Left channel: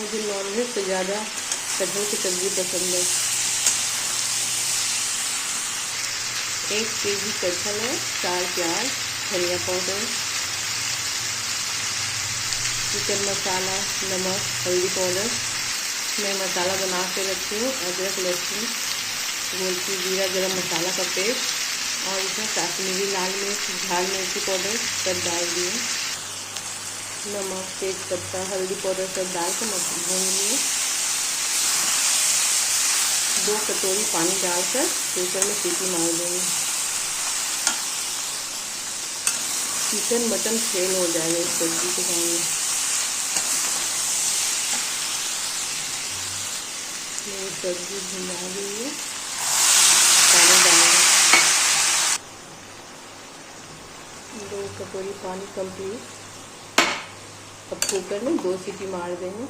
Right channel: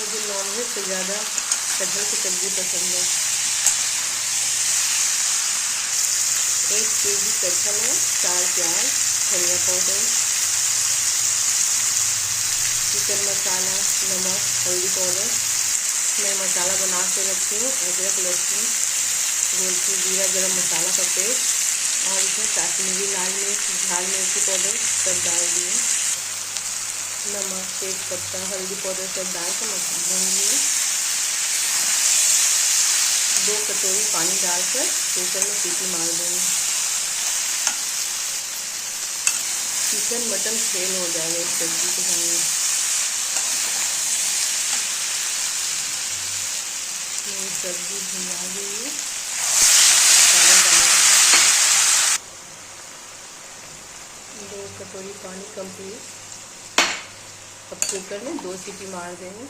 मुझे नॉनवेज से ज़्यादा कटहल की सब्ज़ी पसंद है। 1 केजी कटहल है, 4 प्याज, धनिया पाउडर, चिकन मसाला, नमक, हल्दी पाउडर। मैं मसाला बना के रखी हूँ, अदरक, लहसुन, गोलकी, जीरा, गरम मसाला का पेस्ट और इसमें कश्मीरी लाल मिर्च, झाल मिर्ची पाउडर सब डाल दिए। नमक, तेज पत्ता, हल्दी पाउडर सब डाल कर भून लिए। 2 कटोरी पानी डालकर कुकर में सीटी मार देंगे। चिकन मटन फेल हो जाएगा इस सब्जी के सामने। ये सब्जी भुना गई है, पानी डालेंगे। 2 कटोरी पानी कंप्लीट। अब कुकर में 2 सीटी मार देंगे।